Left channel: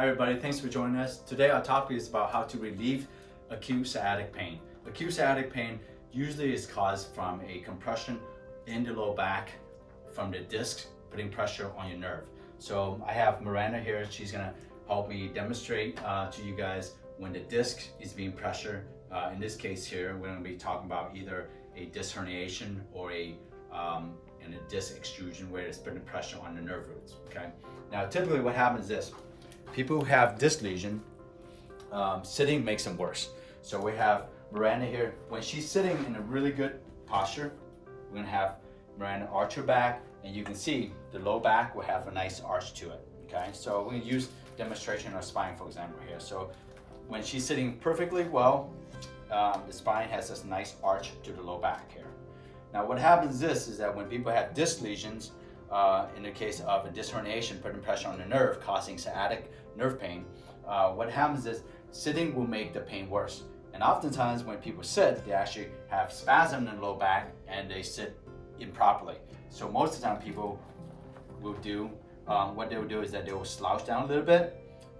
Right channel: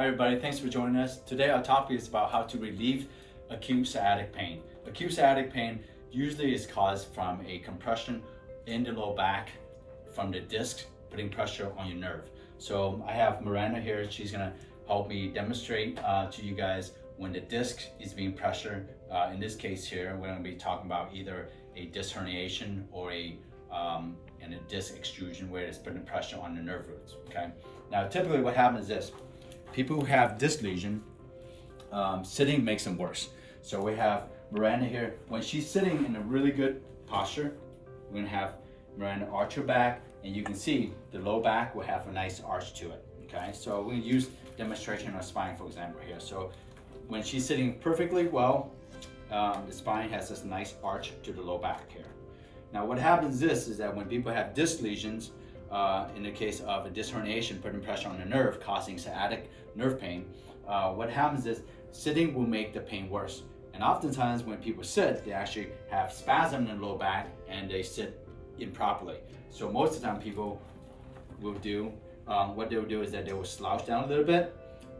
Hi everybody, thanks for joining us. Today our topic is about how to relieve acute sciatic pain. Acute sciatic pain usually is caused from a compression in the low back from the disc putting pressure on your nerve. So I have Miranda here, she's gonna help me demonstrate to you guys when the disc is being pressured. In this case here, we're gonna be talking about either a disc herniation or a disc extrusion where it's putting pressure on the nerve roots, okay? Now typically what happens is this. People who have disc lesion, sitting makes them worse. So we have Miranda here. When she's sitting in a really good posture, we're gonna have Miranda arch her back, and you can see the low back will have a nice arch to it, okay? So we're gonna use demonstration of spine, for example, here. So when she's sitting perfectly well, the spine has this nice arch to the low back here. Now what happens is that when people have disc lesions, in the case of a disc herniation, putting pressure on the nerve, causing sciatic nerve pain, what happens is sitting will make the pain worse. And oftentimes when people sit, they actually have spasm in the low back and they sit improperly. So most of the time people will do, what they will do is that they will slouch down a little bit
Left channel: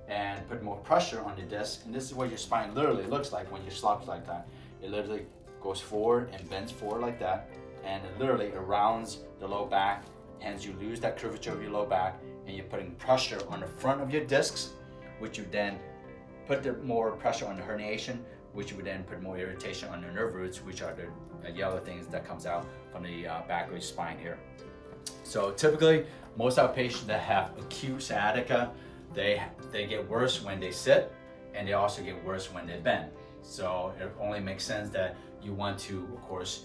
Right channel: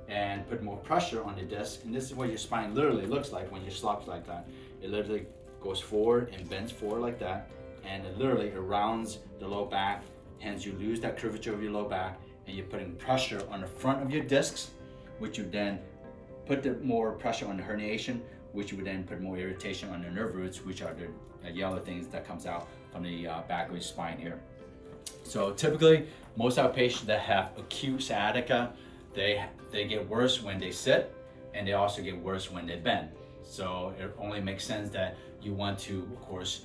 and put more pressure on the disc. And this is what your spine literally looks like when you slouch like that. It literally goes forward and bends forward like that. And it literally rounds the low back, hence you lose that curvature of your low back, and you're putting pressure on the front of your discs, which you then put the more pressure on the herniation, which would then put more irritation on the nerve roots, which are the yellow things that comes out from the back of your spine here. So typically, most of our patients that have acute sciatica, they get worse when they sit, and they also get worse when they bend. So it only makes sense that you want to, of course,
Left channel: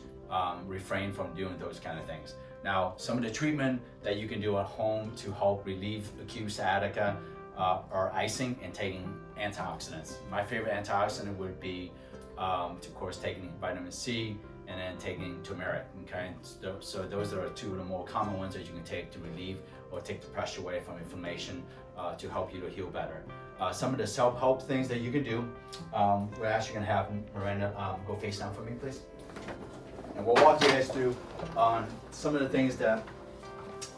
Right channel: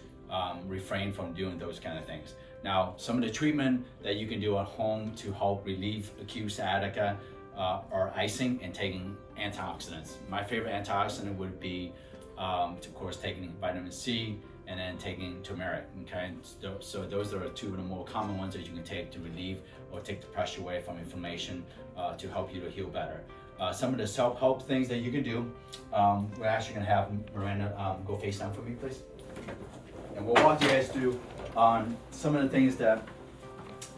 refrain from doing those kind of things. Now, some of the treatment that you can do at home to help relieve acute sciatica are icing and taking antioxidants. My favorite antioxidant would be, of course, taking vitamin C and then taking turmeric, okay? So those are two of the more common ones that you can take to relieve or take the pressure away from inflammation to help you to heal better. Some of the self-help things that you can do, we're actually gonna have Miranda go face down for me, please. And we'll walk you guys through some of the things that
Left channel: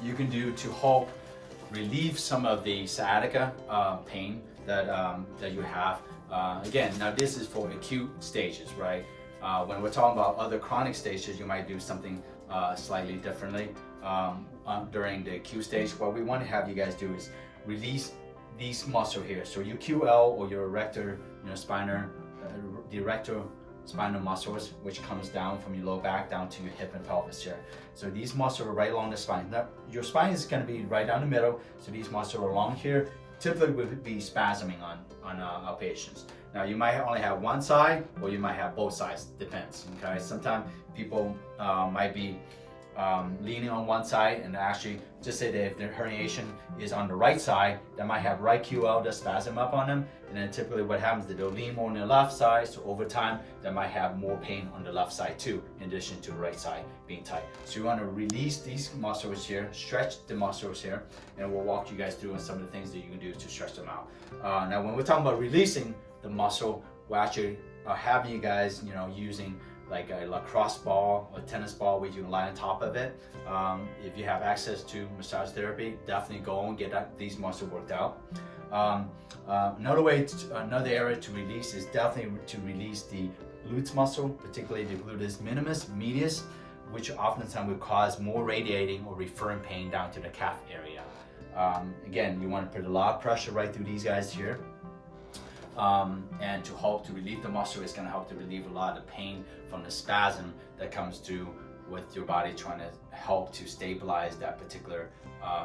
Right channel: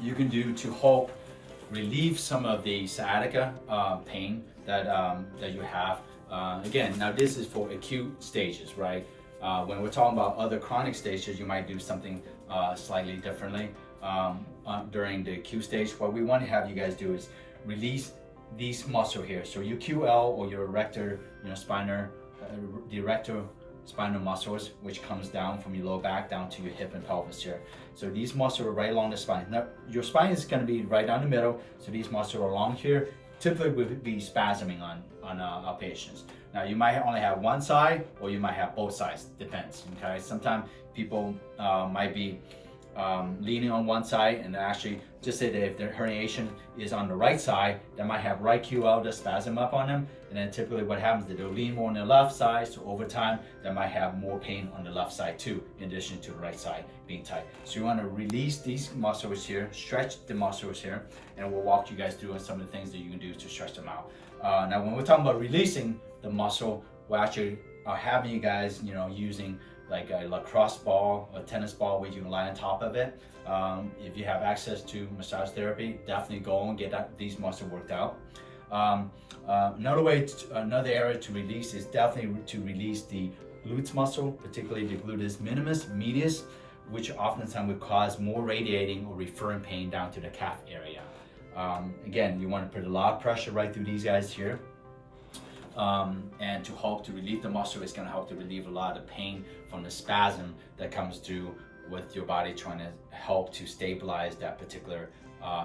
you can do to help relieve some of the sciatica pain that you have. Again, now this is for acute stages, right? When we're talking about other chronic stages, you might do something slightly differently. During the acute stage, what we want to have you guys do is release these muscles here. So your QL or your erector, the erector spinal muscles, which comes down from your low back down to your hip and pelvis here. So these muscles are right along the spine. Now, your spine is going to be right down the middle, so these muscles along here typically will be spasming on our patients. Now, you might only have one side, or you might have both sides, depends, okay? Sometimes people might be leaning on one side, and actually just say that if their herniation is on the right side, they might have right QL to spasm up on them, and then typically what happens is that they'll lean more on the left side, so over time they might have more pain on the left side too, in addition to the right side being tight. So you want to release these muscles here, stretch the muscles here, and we'll walk you guys through on some of the things that you can do to stretch them out. Now when we're talking about releasing the muscle, we actually are having you guys, using like a lacrosse ball or tennis ball where you can lie on top of it. If you have access to massage therapy, definitely go and get these muscles worked out. Another area to release is definitely to release the glutes muscle, particularly the gluteus minimus, medius, which oftentimes will cause more radiating or referring pain down to the calf area. Again, you want to put a lot of pressure right through these guys here. And to help to relieve the muscle, it's going to help to relieve a lot of the pain from the spasm that comes through with your body trying to help to stabilize that particular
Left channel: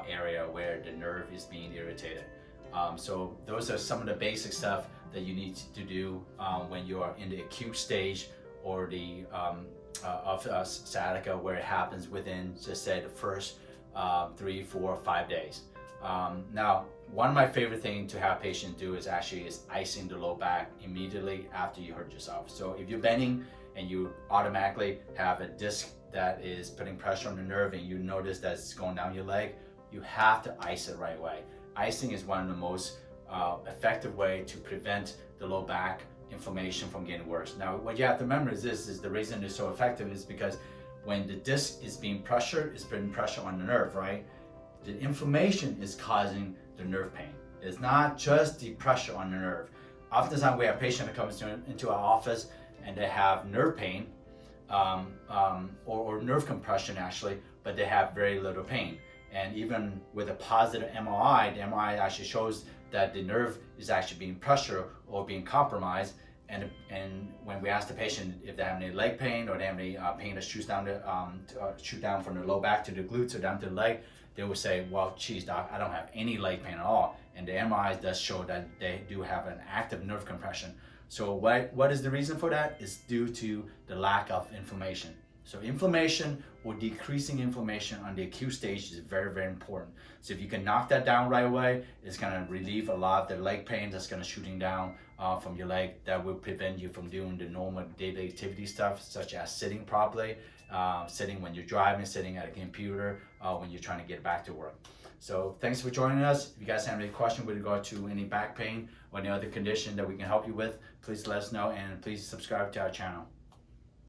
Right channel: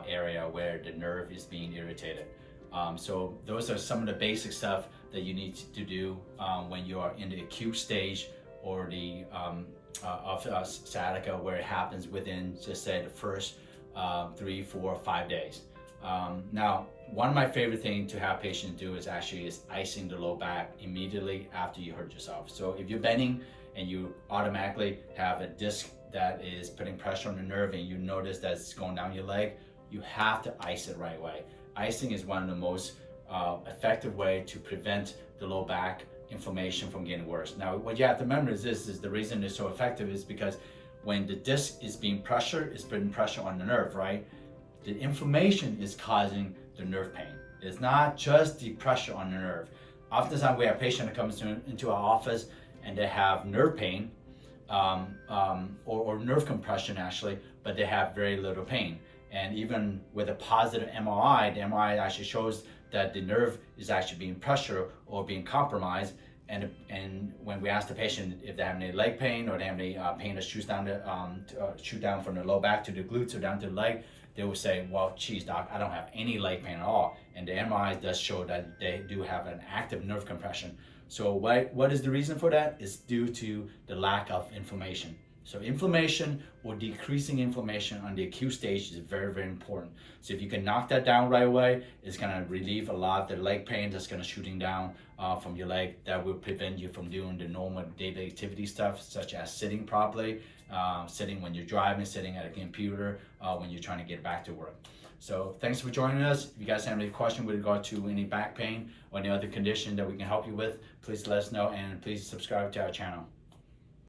area where the nerve is being irritated. So those are some of the basic stuff that you need to do when you are in the acute stage or the of sciatica, where it happens within, just say, the first 3, 4, 5 days. Now, one of my favorite things to have patients do is icing the low back immediately after you hurt yourself. So if you're bending and you automatically have a disc that is putting pressure on the nerve and you notice that it's going down your leg, you have to ice it right away. Icing is one of the most effective way to prevent the low back inflammation from getting worse. Now, what you have to remember is the reason it's so effective is because when the disc is being pressured, it's putting pressure on the nerve, right? The inflammation is causing the nerve pain. It's not just the pressure on the nerve. Oftentimes we have a patient that comes into our office and they have nerve pain or nerve compression actually, but they have very little pain. And even with a positive MRI, the MRI actually shows that the nerve is actually being pressured or being compromised. And when we ask the patient if they have any leg pain or they have any pain that shoots down from the low back to the glutes or down to the leg, they will say, well, geez, doc, I don't have any leg pain at all. And the MRI does show that they do have an active nerve compression. So what is the reason for that? It's due to the lack of inflammation. So inflammation or decreasing inflammation on the acute stage is very, very important. So if you can knock that down right away, it's gonna relieve a lot of the leg pain that's gonna shooting down from your leg. That will prevent you from doing the normal daily activity stuff, such as sitting properly, sitting when you're driving, sitting at a computer, when you're trying to get back to work. So thanks for joining us. If you guys have any question with regard to any back pain or any other condition that we can help you with, please let us know and please subscribe to our channel.